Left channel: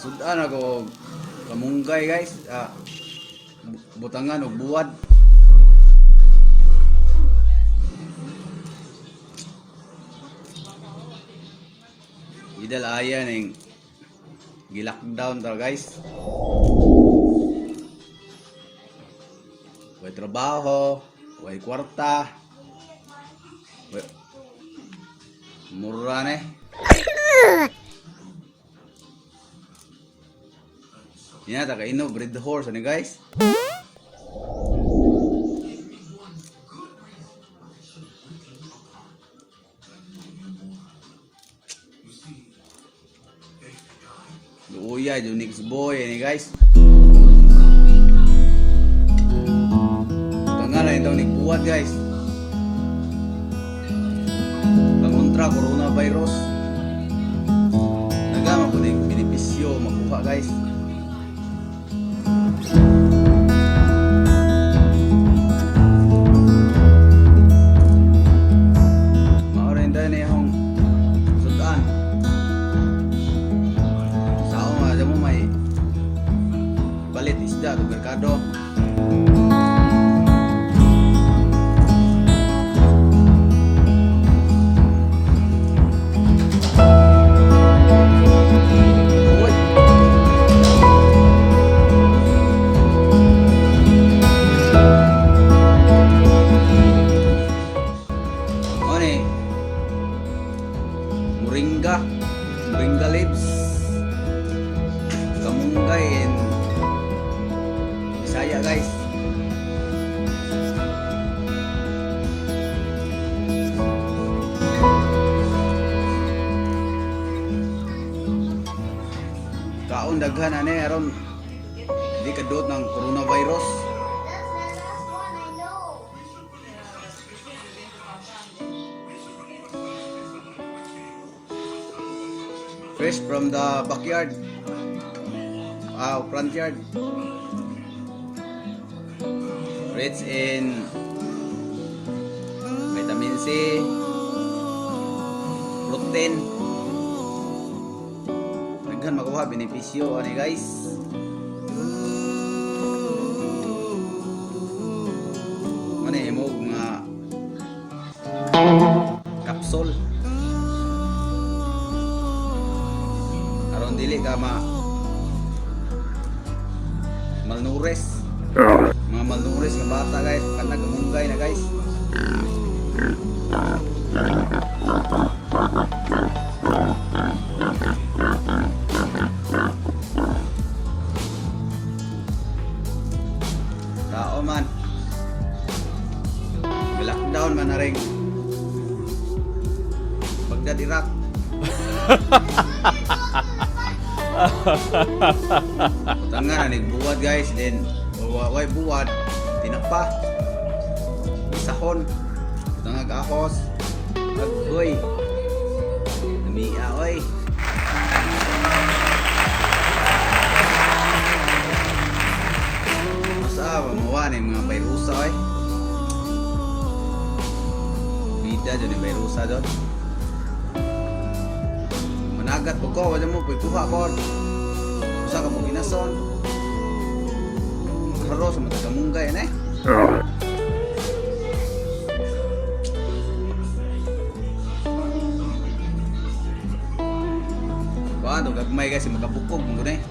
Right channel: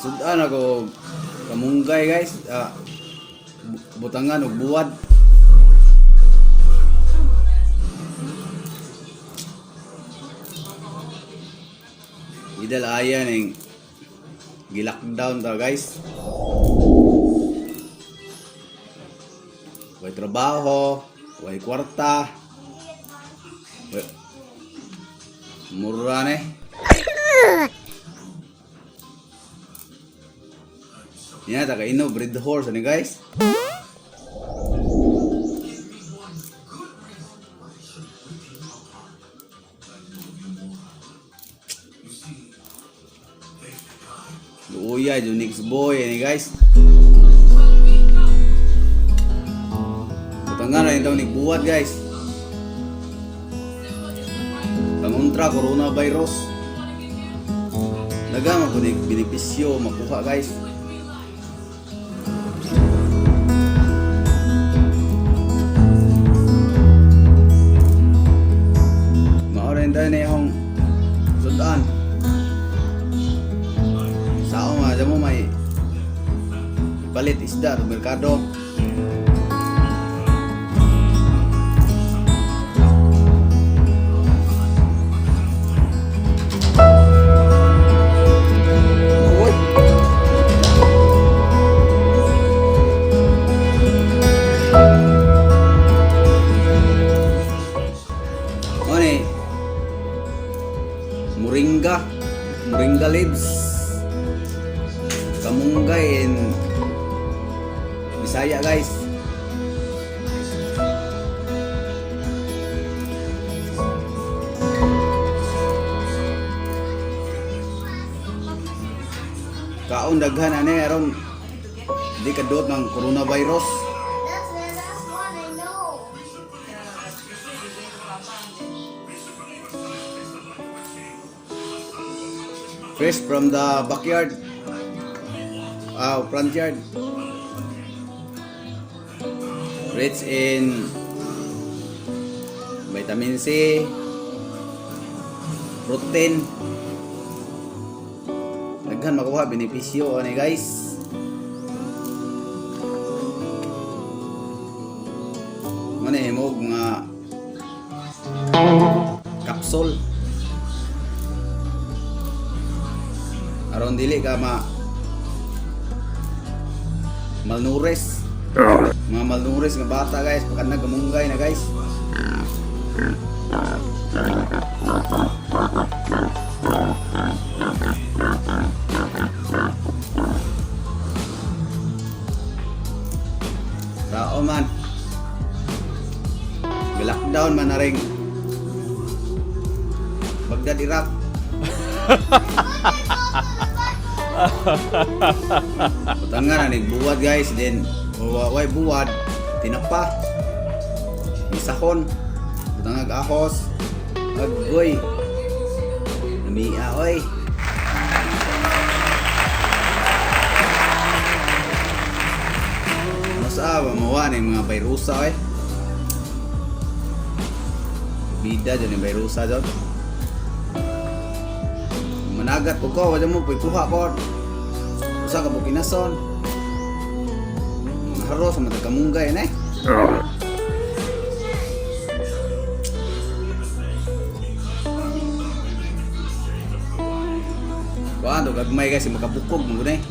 Sudan ako kamunggay guys, butangan og buwad. Idal ayan ning gi-lockdown ta guys. Way trabaho, way kwarta. Mura ne. Yan, taga ino breed horse ni guys. Uya, Unix boy ni guys. Tangan na ito nagbuhat guys. Pangontra coronavirus. Nagama ko ng benepisyo makuha guys. Palit isda sa merkado. Moringa leaves, kamunggay and Bisaya guys. Kaon daghan ane aron di kadot ng coronavirus. Fresh from the backyard, front yard. Rich in vitamin C, protein. Daghan makuha benepisyo ani guys. Mane mo nga capsule. Aron dili ka malnourished. Mga malnourished nga bata guys, kana kamunggay na guys. Rao man. Lockdown man na rin. Bagdad Iraq. Tanga na ning buwad guys, then way buwad tinapa isahon tangag ahos agoy namiya oy masa mawa ni mga virusa oy bida dyan yung virusa dyan managat ko ko wala mo pikuha ko sa ka mo kinason sama kamunggay na eh. Wah, ito kagmay guys, makapukog mo na eh.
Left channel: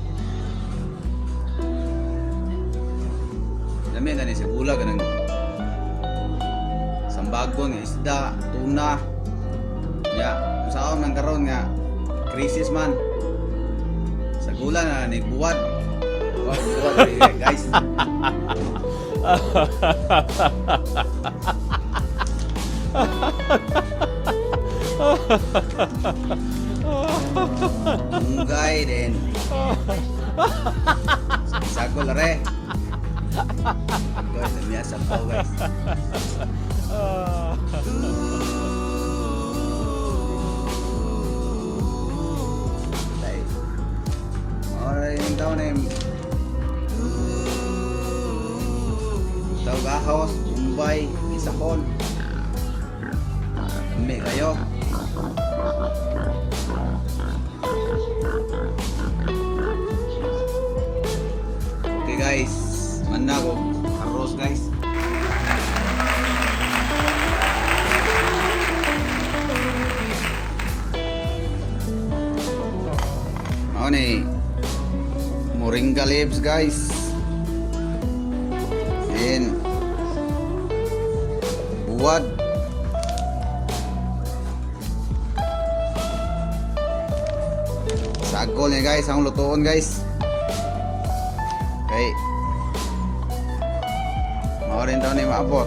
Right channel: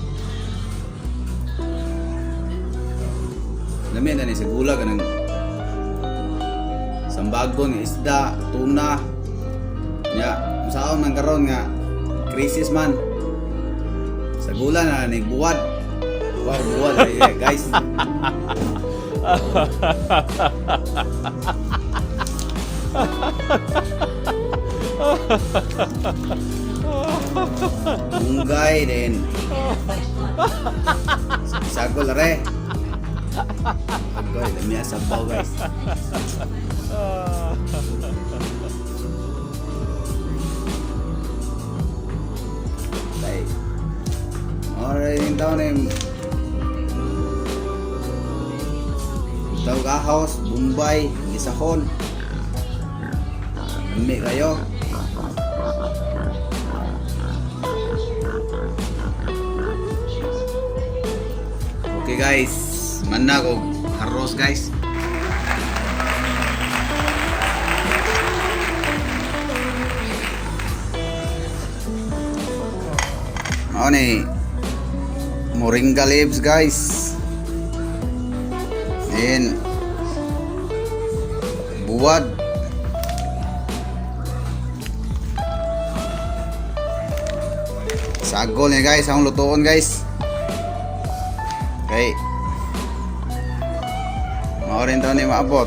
Gamit na ni sa gula ka ng sambagon, isda, tuna. Ya, saan man karon nga krisis man. Sa gula na nagbuwad. Guys. Munggay din. Sagol re. Sagol demi asam guys. Alright, down him. House, Mumbai, Isahon. May kayo. Mao ni moringa leaves guys. And buwad. Sagol niya guys, ang lutuon guys. Okay. Mao rin daw ni maabot.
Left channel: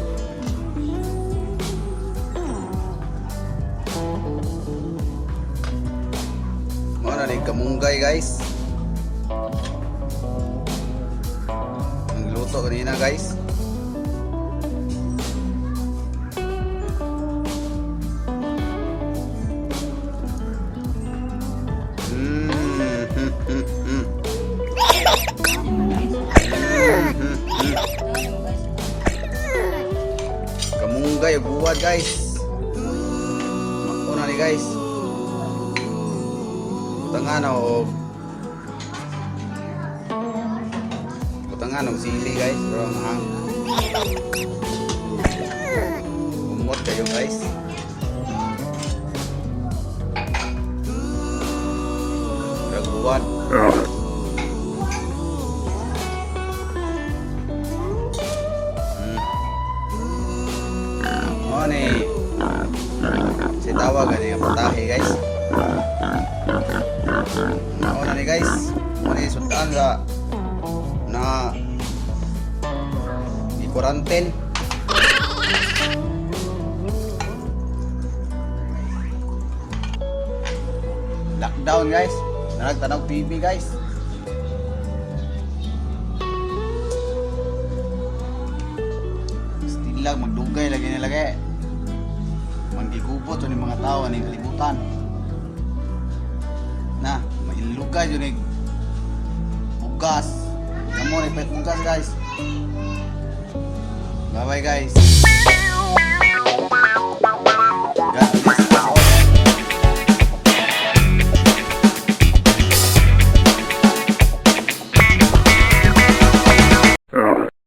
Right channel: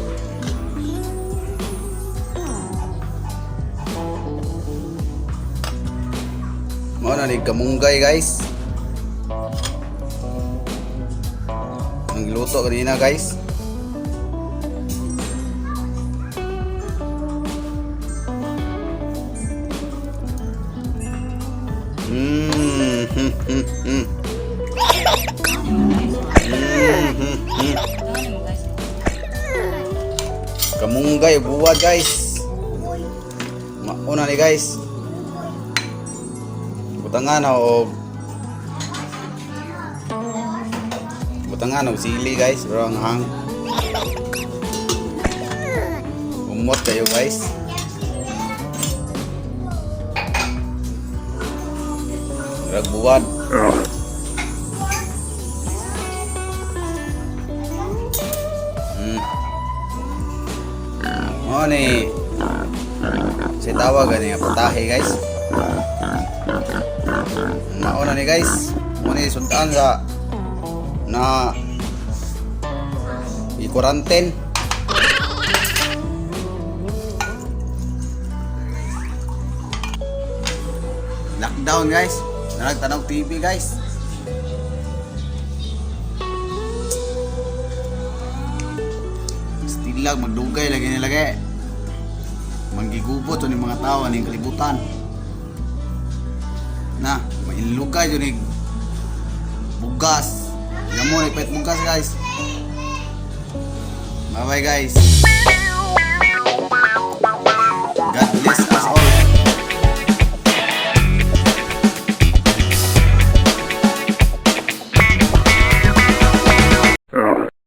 Mao na ni kamunggay guys. Ang luto kanina guys. Kamunggay buwad guys. Mauna ni guys. Butangan o sili guys, rong hang. Umot kayo guys. Buwad. Ni si tawag ani patahe guys. Nauna ni guys, muna sundan sa na i-quarantine. Lockdown guys, tanaw TV guys. Still magdugay lagi nilagay. Manggigubot yung mga tao ng kalibutan na mahilukay yun yung bugas. Yan mo, ipet bugas guys. Bye bye guys.